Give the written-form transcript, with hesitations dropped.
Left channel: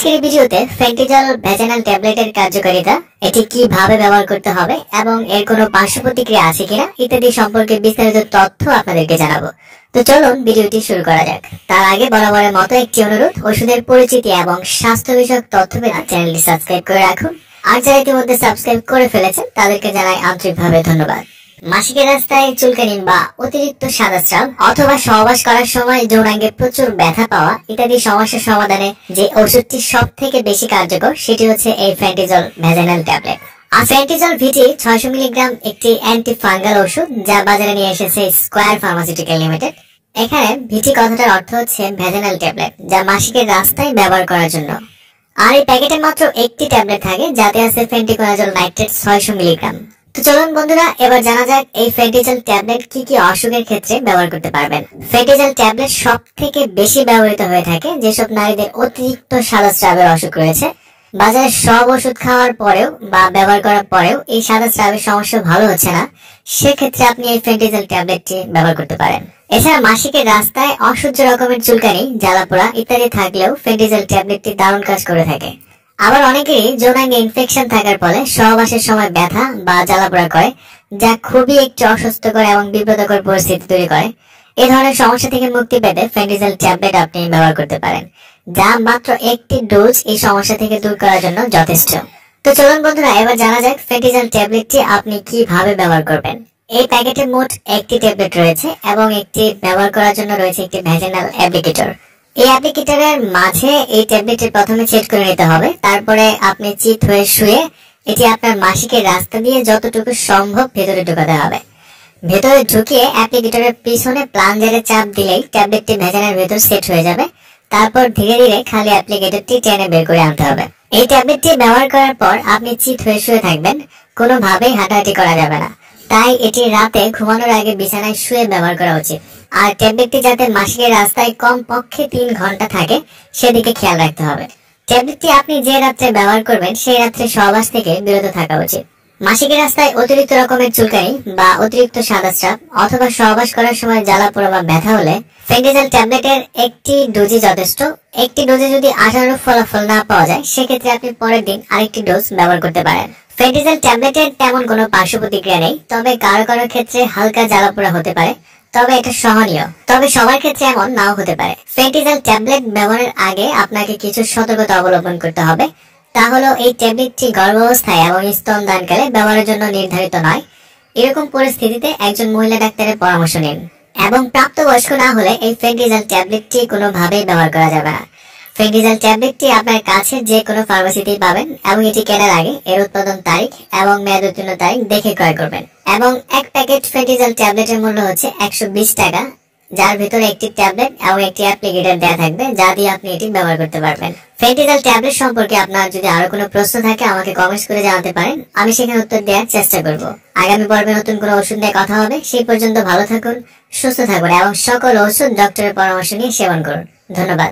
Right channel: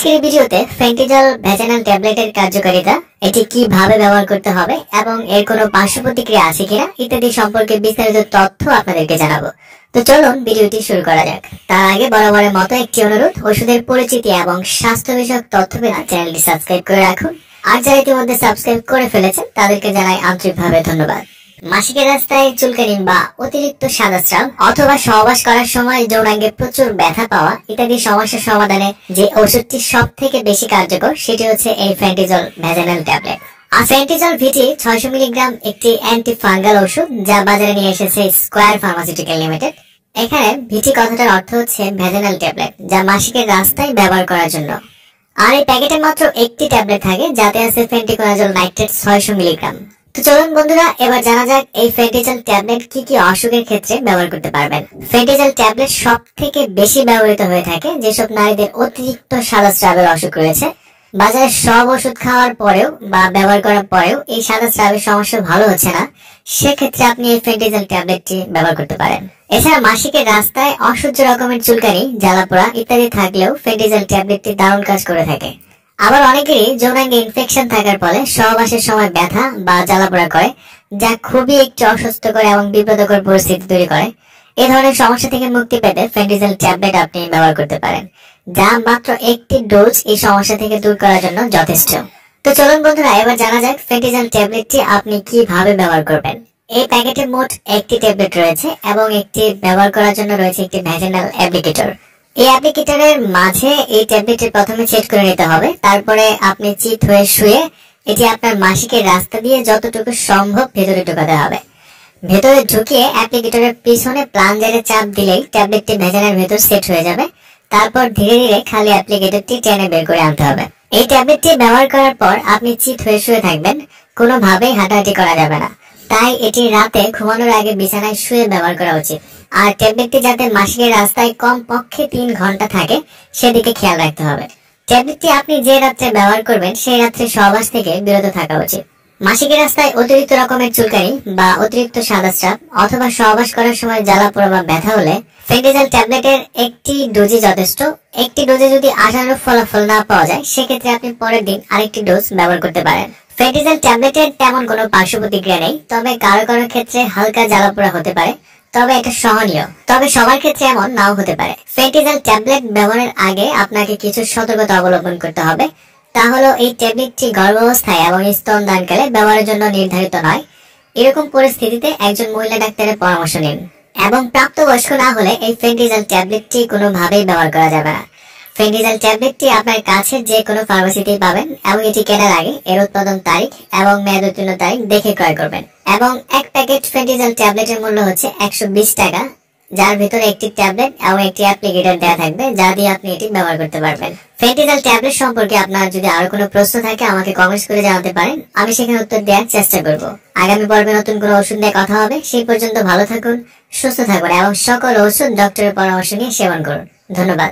আজকের এই ভিডিওতে ফেন্টিজল ভ্যাজানাল ট্যাবলেটের কার্যকারিতা, এটি কিভাবে ব্যবহার করতে হবে এবং এর কোনো পার্শ্ব প্রতিক্রিয়া আছে কিনা ইত্যাদি সম্পর্কে বিস্তারিত তথ্য আপনাদেরকে জানাবো। তো চলুন ভিডিওটি শুরু করা যাক। তার আগে বরাবরের মতো একটি অনুরোধ, ওষুধের পরিচিতি এবং স্বাস্থ্য বিষয়ক তথ্য পেতে চ্যানেলটি সাবস্ক্রাইব করে রাখুন। আর যারা ইতিমধ্যে সাবস্ক্রাইব করে ফেলেছেন তাদেরকে জানাই আন্তরিকভাবে ধন্যবাদ। মাসিকের রাস্তায় চুলকানি বা অতিরিক্ত সাদা স্রাব অথবা সহবাস করার সময় যৌনাঙ্গে প্রচুর ব্যথা পাওয়া ইত্যাদি সমস্যার সমাধানে যে ওষুধটি সব থেকে বেশি কার্যকর সেটি হচ্ছে এই ফেন্টিজল ভ্যাজানাল ট্যাবলেট। আর ফেন্টিজল ভিটি 600 মিলিগ্রাম একটি অ্যান্টি ফাঙ্গাল ওষুধ যা বাজারে নিয়ে এসেছে স্কয়ার ফার্মাসিউটিক্যাল লিমিটেড। এখানে ভিটি কথাটার অর্থ হচ্ছে ভ্যাজানাল ট্যাবলেট, যা মাসিকের রাস্তায় ব্যবহার করার জন্য। আর এই প্যাকেটে মাত্র একটি ট্যাবলেট থাকে যাতে আছে ফেন্টিকোনাজল নাইট্রেট 600 মিলিগ্রাম। তো চলুন বন্ধুরা, এবার জানা যাক এই ফেন্টিজল ট্যাবলেট কি কি অসুখের ক্ষেত্রে ব্যবহার করতে পারবেন। ফেন্টিজল ট্যাবলেট সব থেকে বেশি ব্যবহৃত হয়ে থাকে যেসব নারীদের অতিরিক্ত সাদা স্রাবের অসুখ রয়েছে। বাজারে সব ওষুধ খাওয়ার পরেও বা ব্যবহার করার পরেও এই সাদা স্রাবের সমস্যা ভালো হচ্ছে না, সেক্ষেত্রে আপনি এই ফেন্টিজল ট্যাবলেটটি ব্যবহার করতে পারেন। এছাড়া মাসিকের রাস্তায় অসহ্য রকমের চুলকানি, জ্বালাপোড়া ইত্যাদি থাকলেও ফেন্টিজল ট্যাবলেটটি দারুণ কাজ করে থাকে। আবার অনেকেরই যৌনাঙ্গে ইনফেকশন থাকার ফলে সহবাসের সময় ব্যথা বা জ্বালাপোড়া করে, যা খুবই একটি অস্বস্তিকর এবং বিব্রতকর পরিস্থিতি তৈরি করে। এ ধরনের সমস্যা থেকে মুক্তি পেতে ফেন্টিজল ট্যাবলেট আপনি ব্যবহার করতে পারেন, যা মাত্র একটি ডোজ এই সমস্যা থেকে দূর করার জন্য যথেষ্ট। তো চলুন বন্ধুরা, এবার জানা যাক ফেন্টিজল ট্যাবলেটটি আপনি কিভাবে ব্যবহার করবেন। এই প্যাকেটে মোট একটি ট্যাবলেট রয়েছে এবং একটি ব্যবহার করার জন্য রয়েছে একটি ভ্যাজানাল অ্যাপ্লিকেটর। এই অ্যাপ্লিকেটরের মাঝে এই ট্যাবলেটটি প্রথমে সেট করে নিতে হবে। তারপরে আপনি চিত হয়ে শুয়ে এটি আপনার মাসিকের রাস্তা দিয়ে যতটুকু সম্ভব ভেতরে ঢোকাতে হবে। ভেতরে ঢুকিয়ে অ্যাপ্লিকেটরের পিছনে প্লাঞ্জারে চাপ দিলেই ট্যাবলেটটি ভ্যাজানার ভেতর সেট হয়ে যাবে। তারপর ধীরে ধীরে খালি অ্যাপ্লিকেটরটি টেনে বের করে আনতে হবে। এই ট্যাবলেটটি ব্যবহার করার পর আপনি চিত হয়ে শুয়ে থাকবেন, কোনোভাবেই হাঁটাহাঁটি করা যাবে না। তাই এটি রাতে ঘুমানোর আগে বিছানায় শুয়ে ব্যবহার করা উচিত। আর ট্যাবলেটটি যাতে মাসিকের রাস্তায় কম পক্ষে 3 ঘন্টা থাকে সেদিকে খেয়াল রাখতে হবে। ট্যাবলেটটি আপনি যে রাত্রে ব্যবহার করবেন সেই রাত্রে সহবাস থেকে বিরত থাকা উচিত। মাসিকের রাস্তায় অতিরিক্ত রকমের চুলকানি বা অতিরিক্ত সাদা স্রাব অথবা সহবাস করার সময় জ্বালাপোড়া বা ব্যথা হলে ফেন্টিজল ট্যাবলেটের একটি ডোজই যথেষ্ট। একটি ডোজে যদি আশানুরূপ ফলাফল না পাওয়া যায় সেক্ষেত্রে আপনি পরের দিন আরেকটি ডোজ ব্যবহার করতে পারেন। ফেন্টিজল ট্যাবলেটের তেমন কোনো পার্শ্ব প্রতিক্রিয়া নেই, তবে কারো কারো ক্ষেত্রে হালকা জ্বালাপোড়া হতে পারে, তবে এটা সহনীয়। তবে সবার ক্ষেত্রে এমন নাও হতে পারে। ফেন্টিজল ট্যাবলেট ব্যবহারের আগে আপনাকে কিছু সতর্কতা অবলম্বন করতে হবে। তা হলো এই ট্যাবলেটটি গর্ভাবস্থায় এবং স্তনদানকালে ব্যবহারের জন্য নির্ধারিত নয়। এরকম পরিস্থিতিতে একজন মহিলা ডাক্তারের পরামর্শ নিন। এবং প্রাপ্তবয়স্ক না হলে এই ফেন্টিজল ট্যাবলেটটি কোনোভাবেই ব্যবহার করা যাবে না। ফেন্টিজল ট্যাবলেটটি আপনার কাছে যে কোনো ফার্মেসিতেই পাবেন এবং এটি কেনার আগে এর উৎপাদন তারিখ এবং মেয়াদ উত্তীর্ণ তারিখ দেখে ক্রয় করবেন। এবং এক প্যাকেট ফেন্টিজল ট্যাবলেটের মূল্য হচ্ছে 120 টাকা, যার ভিতরে একটি ট্যাবলেট এবং একটি অ্যাপ্লিকেটর দেওয়া থাকবে যা দিয়ে আপনি এটি ব্যবহার করতে পারবেন। ফেন্টিজল ট্যাবলেট সম্পর্কে আপনার যদি আরো কোনো প্রশ্ন থাকে আমাকে কমেন্টস করে জানাতে পারেন, আমি সেখানে উত্তর দেওয়ার চেষ্টা করব। আগামী পর্বে নতুন কোনো ওষুধ নিয়ে কথা হবে। সেই পর্যন্ত ভালো থাকুন, সুস্থ থাকুন এবং সকল ওষুধ ডক্টরের পরামর্শ নিয়ে সেবন করুন। ধন্যবাদ।